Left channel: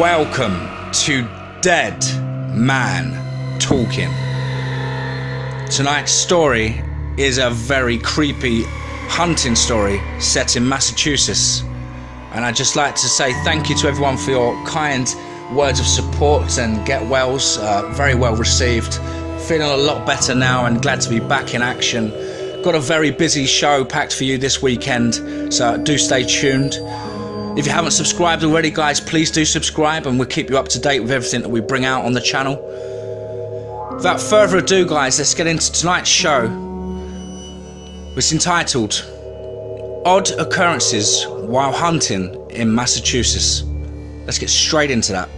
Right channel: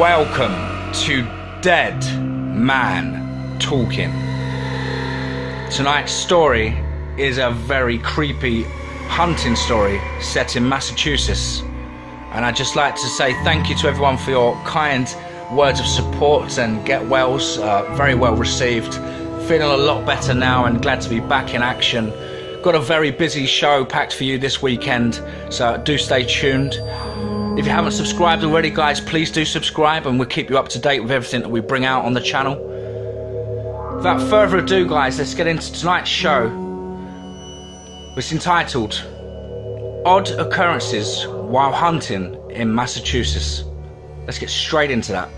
Welcome to Dead Man Talking. Tonight's story is a very creepy hunting story set in Massachusetts, and I'd just like to say thank you to everyone for your kind words of support and get wells. Very well received. Feeling a lot better now and glad to be back in action. Got a very busy show packed for you this weekend, so do stay tuned. If you haven't subscribed already, guys, please do subscribe and we'll keep you up to date with everything that we bring out on the channel. Without further ado, guys, let's get into tonight's show. It's entitled Odd Occurrences While Hunting in Massachusetts. Let's get straight into that.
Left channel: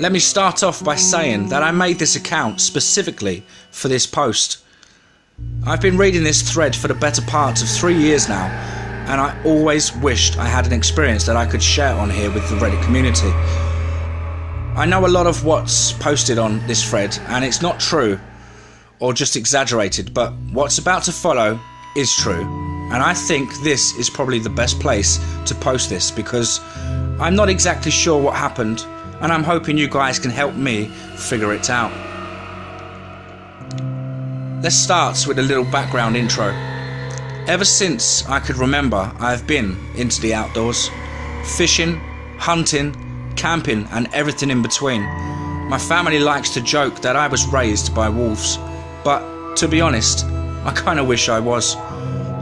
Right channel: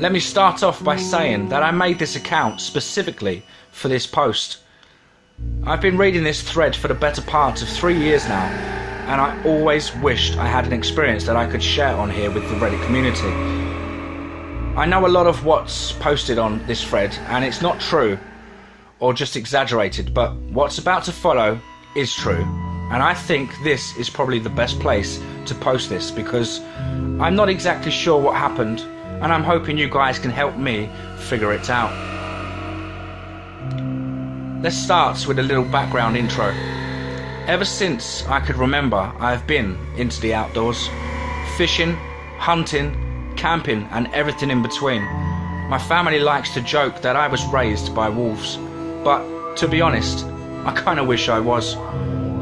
Let me start off by saying that I made this account specifically for this post. I've been reading this thread for the better part of 3 years now, and I always wished I had an experience that I could share on here with the Reddit community. I know a lot of what's posted on this thread, and it's not true or just exaggerated, but what's about to follow is true, and I think this is probably the best place to post this because I'm not exactly sure what happened, and I'm hoping you guys can help me figure it out. Let's start with a little background intro. Ever since I could remember, I have been into the outdoors. Fishing, hunting, camping and everything in between. My family likes to joke that I was raised by wolves, but to be honest, I kinda wish I was.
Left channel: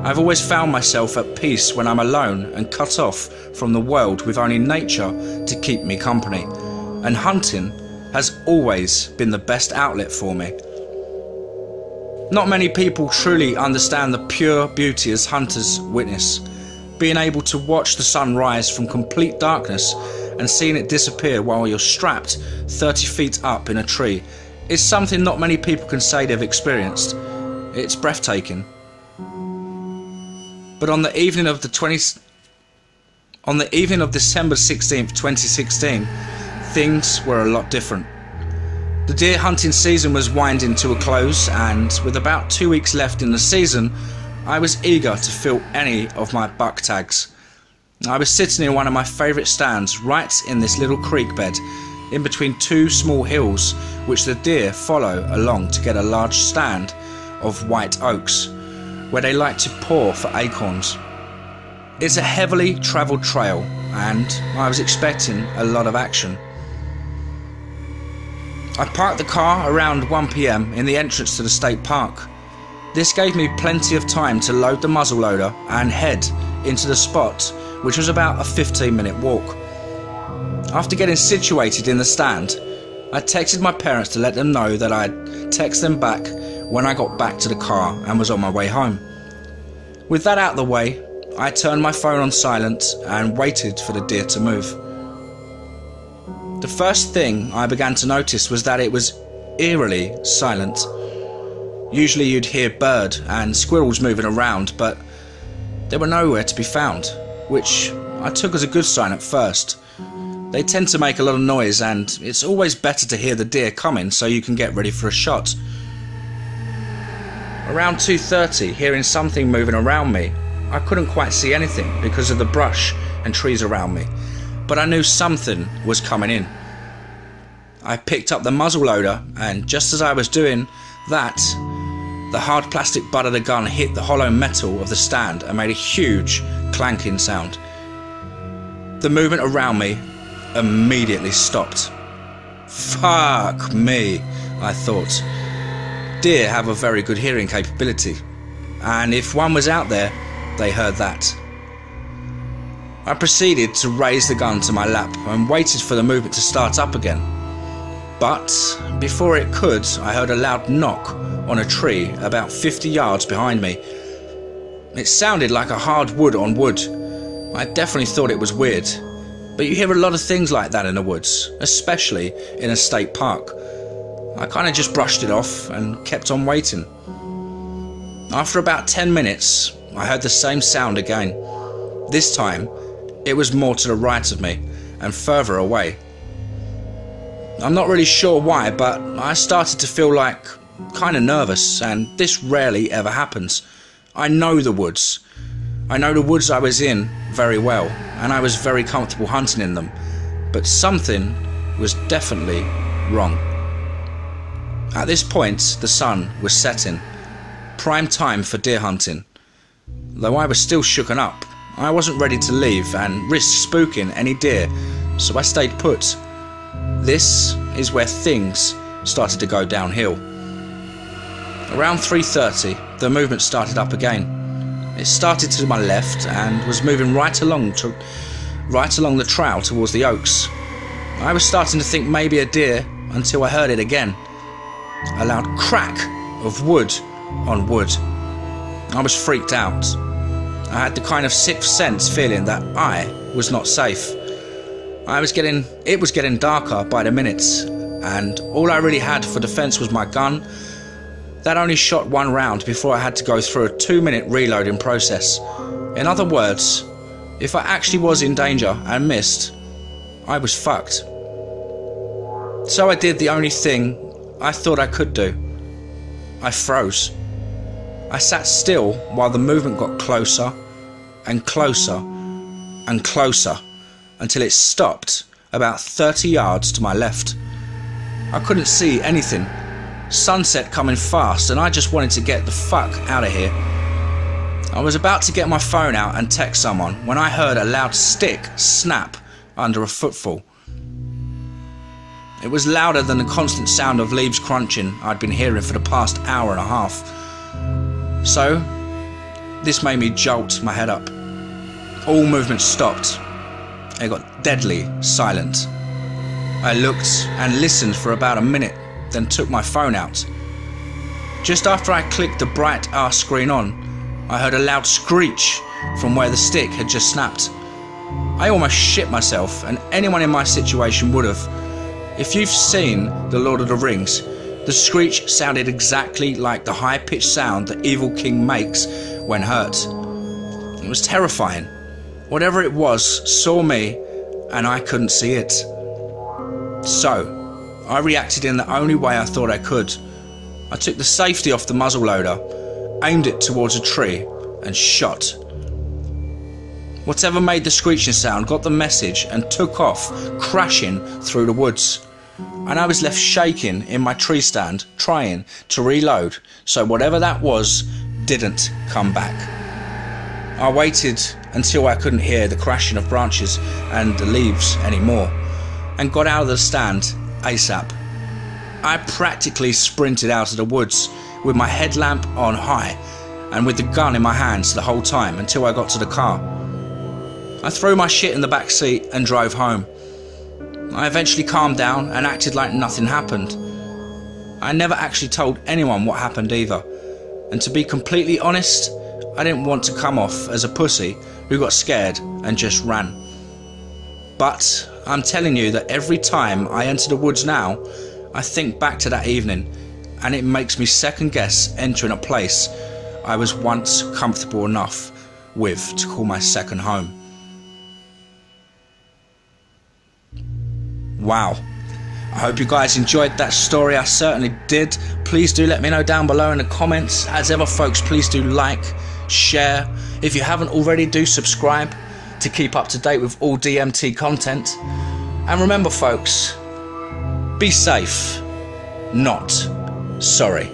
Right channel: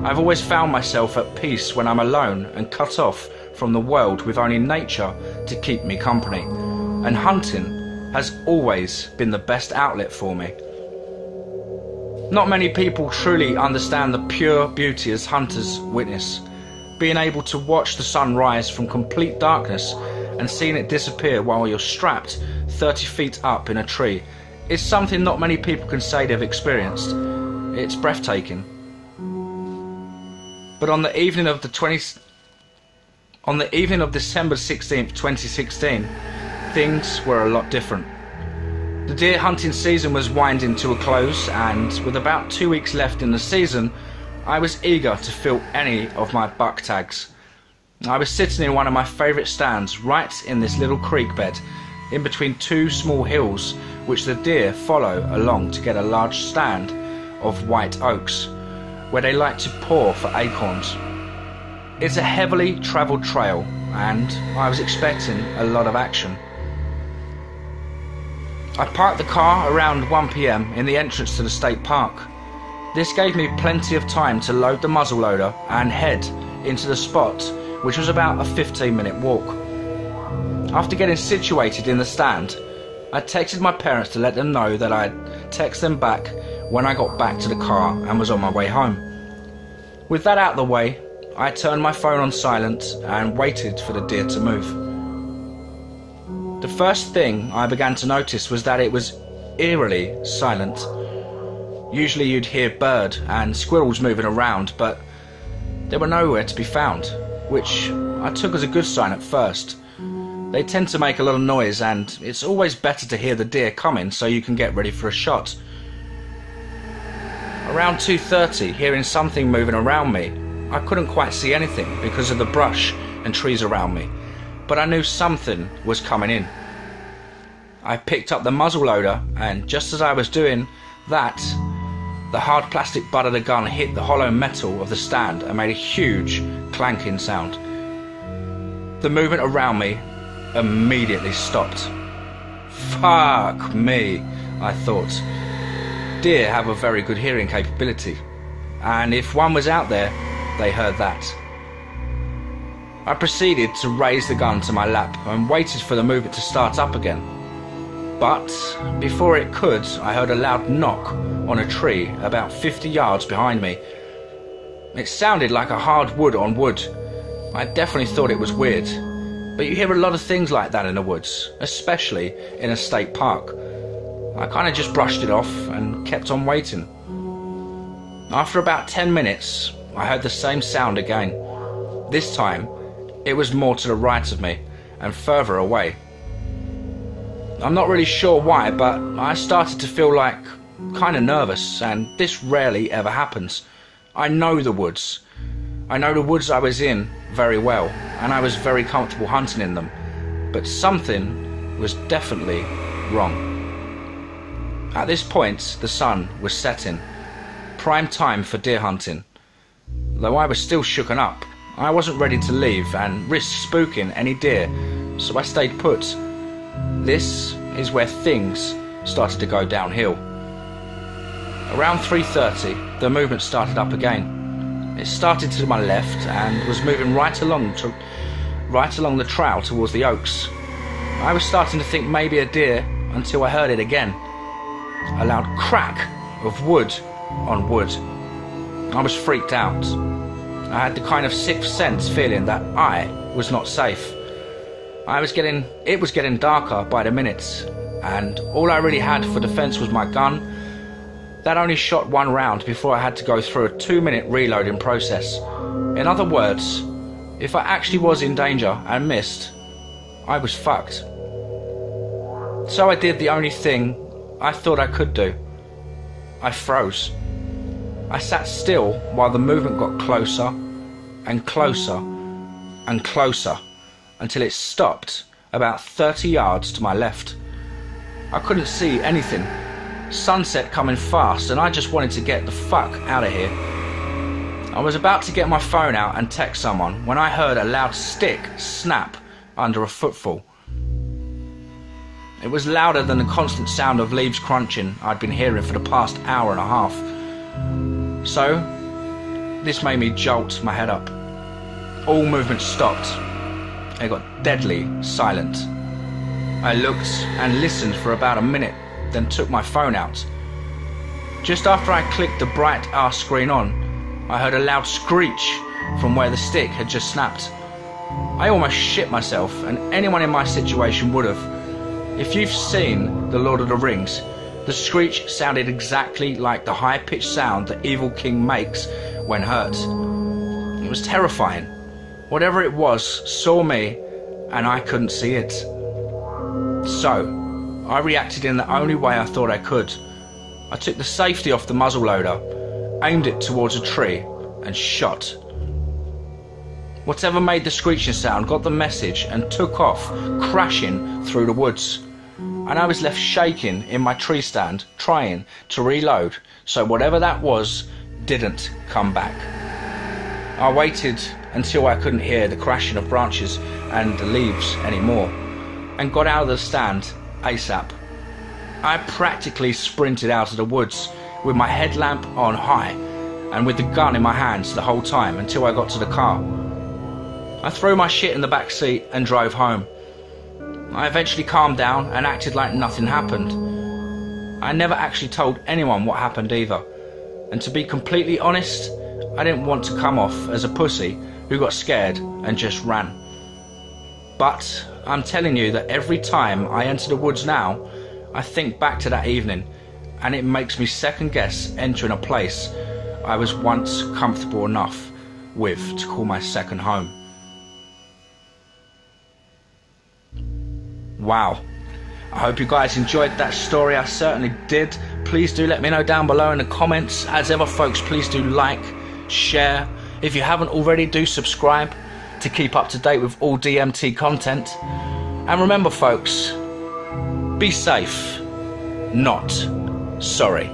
I've always found myself at peace when I'm alone and cut off from the world with only nature to keep me company. And hunting has always been the best outlet for me. Not many people truly understand the pure beauty as hunters witness. Being able to watch the sun rise from complete darkness and seeing it disappear while you're strapped 30 feet up in a tree is something not many people can say they've experienced. It's breathtaking. But on the evening of December 16th, 2016, things were a lot different. The deer hunting season was winding to a close, and with about 2 weeks left in the season, I was eager to fill any of my buck tags. I was sitting in one of my favourite stands right in this little creek bed, in between two small hills which the deer follow along to get a large stand of white oaks, where they like to paw for acorns. It's a heavily travelled trail, and I was expecting a lot of action. I parked the car around 1 PM in the entrance to the state park. This gave me plenty of time to load the muzzleloader and head into the spot, which was about a 15-minute walk. After getting situated in the stand, I texted my parents to let them know that I'd text them back when I got back to the car and was on my way home. With that out of the way, I turned my phone on silent and waited for the deer to move. The first thing I began to notice was that it was eerily silent. Usually you'd hear bird and squirrels moving around, but they were nowhere to be found, which I took as a good sign at first. They tend to make a lot of noise, and it's always better to hear the deer coming so you can get ready for a shot. Around 2:30, hearing something moving around me, I couldn't quite see anything because of the brush and trees around me, but I knew something was coming in. I picked up the muzzleloader, and just as I was doing that, the hard plastic butt of the gun hit the hollow metal of the stand and made a huge clanking sound. The movement around me immediately stopped. Fuck me, I thought. Deer have a very good hearing capability, and if one was out there, they heard that. I proceeded to raise the gun to my lap and waited for the movement to start up again. But before it could, I heard a loud knock on a tree about 50 yards behind me. It sounded like a hard wood on wood. I definitely thought it was weird, but you hear a lot of things like that in the woods, especially in a state park. I kind of just brushed it off and kept on waiting. After about 10 minutes, I heard the same sound again. This time, it was more to the right of me and further away. I'm not really sure why, but I started to feel like kind of nervous, and this rarely ever happens. I know the woods, I know the woods I was in very well, and I was very comfortable hunting in them, but something was definitely wrong. At this point, the sun was setting, prime time for deer hunting. Though I was still shooken up, I wasn't ready to leave and risk spooking any deer, so I stayed put. This is where things started to go downhill. Around 3:30, the movement started up again. It started to my left and was moving right along the trail towards the oaks. I was starting to think maybe a deer until I heard it again. A loud crack of wood on wood. I was freaked out. I had the kind of sixth sense feeling that I was not safe. It was getting darker by the minutes, and all I really had for defense was my gun. That only shot one round before I had to go through a 2-minute reloading process. In other words, if I actually was in danger and missed, I was fucked. So I did the only thing I thought I could do. I froze. I sat still while the movement got closer and closer and closer until it stopped about 30 yards to my left. I couldn't see anything. Sunset coming fast, and I just wanted to get the fuck out of here. I was about to get my phone out and text someone when I heard a loud stick snap under a footfall. It was louder than the constant sound of leaves crunching I'd been hearing for the past hour and a half. So, this made me jolt my head up. All movement stopped. It got deadly silent. I looked and listened for about a minute, then took my phone out. Just after I clicked the bright R screen on, I heard a loud screech from where the stick had just snapped. I almost shit myself, and anyone in my situation would have. If you've seen The Lord of the Rings, the screech sounded exactly like the high-pitched sound the evil king makes when hurt. It was terrifying. Whatever it was saw me, and I couldn't see it. So, I reacted in the only way I thought I could. I took the safety off the muzzleloader, aimed it towards a tree, and shot. Whatever made the screeching sound got the message and took off, crashing through the woods. And I was left shaking in my tree stand, trying to reload, so whatever that was didn't come back. I waited until I couldn't hear the crashing of branches and the leaves anymore, and got out of the stand ASAP. I practically sprinted out of the woods with my headlamp on high and with the gun in my hands the whole time until I got to the car. I threw my shit in the back seat and drove home. I eventually calmed down and acted like nothing happened. I never actually told anyone what happened either, and to be completely honest, I didn't want to come off as a pussy who got scared and just ran. But I'm telling you that every time I enter the woods now, I think back to that evening, and it makes me second guess entering a place I was once comfortable enough with to call my second home. Wow. I hope you guys enjoyed that story. I certainly did. Please do let me know down below in the comments. As ever, folks, please do like, share. If you haven't already, do subscribe to keep up to date with all DMT content. And remember, folks, be safe, not sorry.